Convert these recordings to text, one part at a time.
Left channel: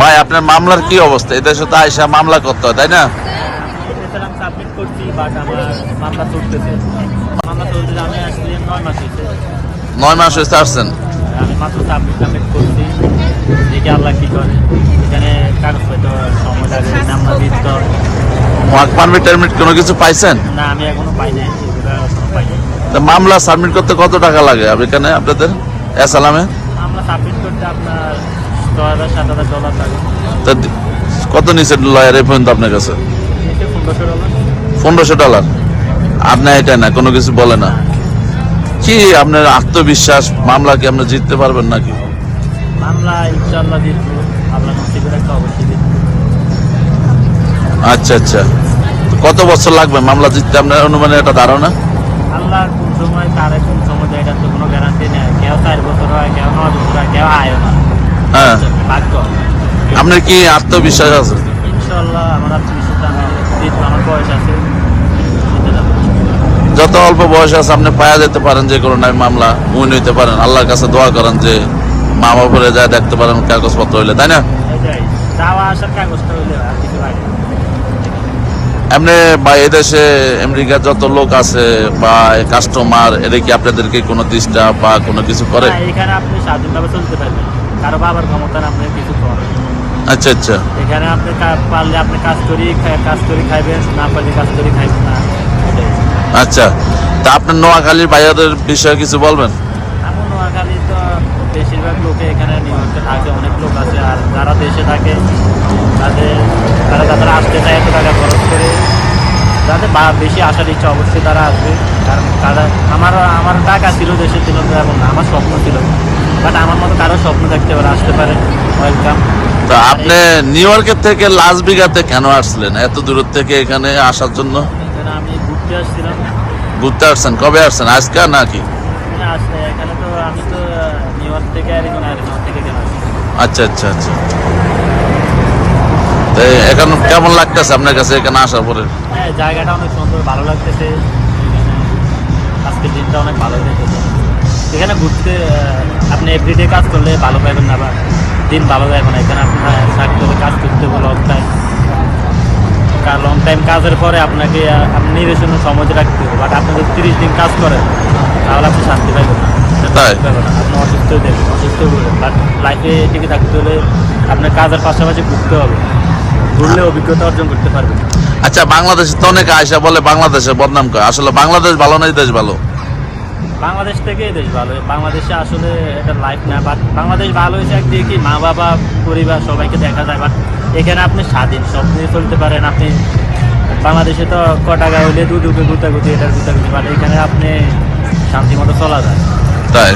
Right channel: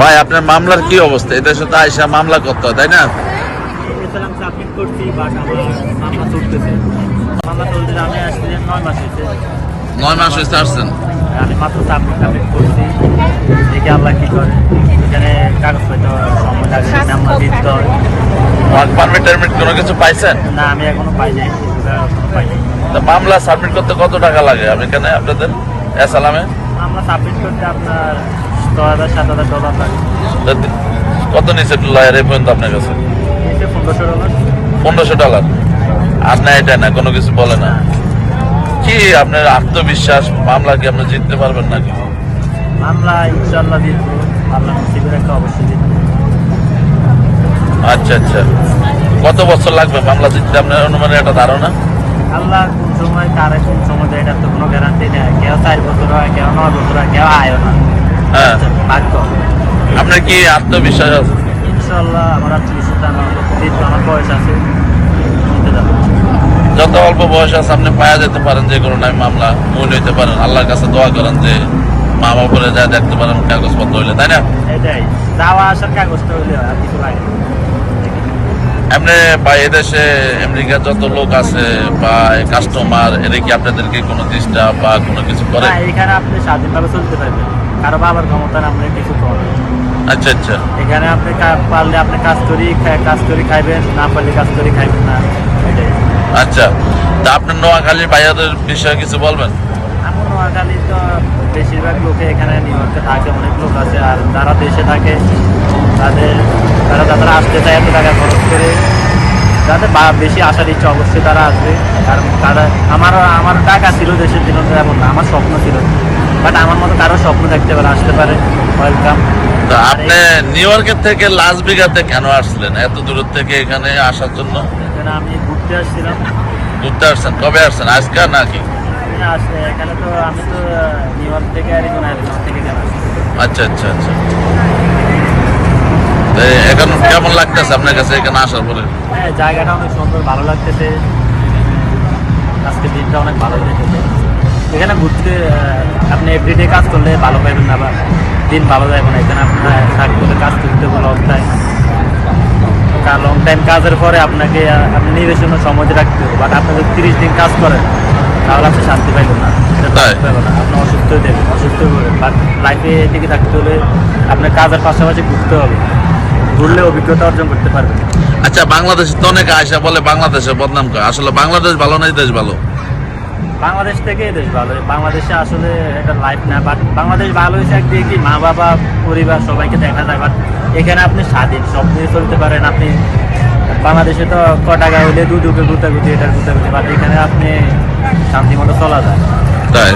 ভাই আপনার মামলার কি অবস্থা? এদেশে তো আইসা মামলা করতে হয়, তাই না? সাবমিট করছি, বাট আমার মামলা চলতেছে। মামলা চলতেছে, আমি আসলে 9 মাস হয়েছে। 9 মাস হয়েছে আসছেন? আমি মাত্র সাবমিট করছি, দেখি আল্লাহ কি করে। এখানে কাগজ পাইতে সময় লাগে, নাম্বার দিতে হয়। পারমিট টারমিট কোনো কিছু পাইছেন? না, আমি এখনো পাইনি, এগুলো এখনো পাইনি। মামলা সাবমিট করতে কত টাকা লাগে এখানে আপনাদের এসালামে? মামলা সাবমিট করতে আপনার $6,000-7,000 লাগে। তা কত নিচে লয়ার এই পর্যন্ত আপনার কাছে? নিচে $1,500। $1,500? আপনি এটা না কোনো কিছু বলে না? কি আপনার আত্মবিশ্বাস মামলাকে আপনি জিততে পারবেন নাকি? মামলা ইনশাআল্লাহ জিতবো, আল্লাহ নসিবের একটা অবশ্যই জিতবো। আচ্ছা আচ্ছা, কত বছর লাগবে মামলা জিততে আপনার অনুমানে একটা ধারণা? আল্লাহ কোন সময় তারে কোন সময় দেয়, এটা তো কোনো গ্যারান্টি নেই। কেউ 4 বছর হয়, কেউ 9 বছর হয়, কেউ আয়ও না। হ্যাঁ, ভাগ্য। আপনার কি আত্মবিশ্বাস আছে? ইনশাআল্লাহ আমার আত্মবিশ্বাস, আমি জিতবো, আমার বয়স আছে। যত অল্প বয়স আছে আপনি পাওয়া যেতে পারেন যে কোনো টাইম মামলা মনে হইতে পারেন। আল্লাহর কাছে দোয়া করেন যে মামা করে যা দেখতে পারেন কাগজপত্র হইলে, তাই না? এটাই, যাওয়া আসার কাগজটা হইলে আর কিছু লাগে না। এমনি বা এদেশে আমেরিকার যত লোক আছে বা কাস্টমার এরা কি আপনাদেরকে কোনো ডিস্টার্ব বা কোনো কিছু করে? না, এখানে আপনি স্বাধীনভাবে চলতে পারবেন, কারো বাবার ক্ষমতা না, আমরা কিছু করবেন। আচ্ছা আচ্ছা, এখানে আপনি পারলে আপনি কাজ করি খাইবেন, না পারলে কাজ করি খাইবেন না। এটাই। আচ্ছা। তা আপনার নোয়াখালীর ভাইয়াদের বিষয়ে কিছু বলবেন? এমন নোয়াখালী তো বেশিরভাগ লোকে এখানে নিউ ইয়র্কে থাকে, অনেক লোক আছে। আর যারা দেশে থাকে যারা আসতে চায় এত টাকা খরচ করে, যাদের বেশি আসার ইচ্ছা অবশ্যই তারা আসবে। কারণ আমার টাকা ছিল দেশের জন্য, তো এমন না, আমার স্বপ্ন ছিল। বাট আমার মতো তারও স্বপ্ন থাকতে পারে, আসতে পারে। ওয়েলকাম। তা আপনি নিউ ইয়র্কের থেকে লাস ভেগাসে কেন আসলেন এত দূর থেকে এখানে আসার জন্য? এখানে আমি ঘুরতে আসছিলাম। ঘুরতে আসছেন? কবে আসছেন, আজকে নাকি? এখানে তো আমি তো নিউ ইয়র্ক থেকে অ্যারিজোনা থেকে কেন আসছি। আচ্ছা আচ্ছা আচ্ছা। এখন কেমন লাগতেছে আপনার কাছে এখানে আসার পরে? হ্যাঁ, জায়গাটা অনেক সুন্দর, ভালো লাগতেছে। আজকের দিনটা অনেক ভালো লেগেছে। এখানে ঘুরতে আপনি এভরিডে কাজ করলে ভালো পাইবেন না, বা দিন ভালো যাবে না। এখানে আপনার কাজ করলে কাজ করতে হবে লং টাইম কাজের পরে আপনাকে আপনি নিজের জন্য সময় রাখতে হবে। বাট আপনি যদি 30 দিন কাজ করেন তাহলে আপনি শান্তি পাইবেন না, আপনি অসুস্থ হয়ে যাবেন, অসুস্থ হয়ে পড়বেন। বাট লাইফে টিকে থাকতে হলে আপনার কাজের পাশাপাশি ঘুরতে হবে, ঘুরলে অভিজ্ঞতা অর্জন করতে পারবেন। আচ্ছা, বাংলাদেশে তো অনেকে আয়সা বলে বাংলাদেশের বদনাম করে, আসলে বাংলাদেশ ভালো না এই দেশ ভালো? বাংলাদেশ থেকে দেশ ভালো। বাংলাদেশে আসলে এটা লাইফ না, বাট বাংলাদেশ ভালো হয়েছে একদিকে কি, মা বাবা পরিবার সবাইকে দেখা যায়। বাট এখানে আপনি স্বাধীন, সব নিয়ে চলতে পারেন। আপনি বাংলাদেশে তো টাকা হইলে গুতাগুতি এটার গুতাগুতি, বাট এখানে আপনি শান্তি মতো চলা যায়। তাই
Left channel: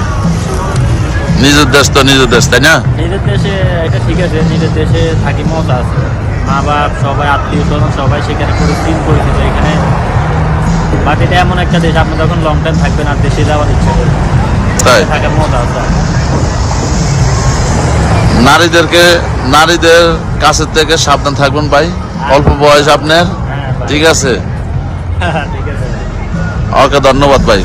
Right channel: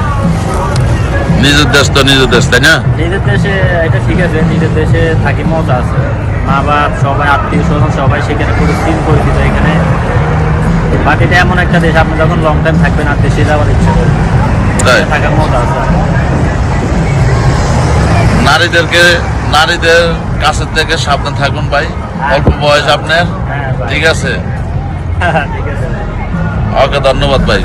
নিজের দেশ তো নিজের দেশ, তাই না? নিজের দেশে এটা ঠিক আছে, নিজের দেশে থাকি মজা আছে। মা বাপ সবাই, আত্মীয় স্বজন সবাই সেখানে পরিচিত এখানে। বাট এটা এমন একটা দেশ, আপনি যখন লং টাইম থাকবেন আর দেশে যাওয়ার ইচ্ছা করবে, থাকার মজা আছে। নারীদের কাছের থেকে সাবধান থাকুন ভাই, অল্প বয়স আপনার। হ্যাঁ, ঠিক আছে, ঠিক আছে। ওকে, ধন্যবাদ ভাই।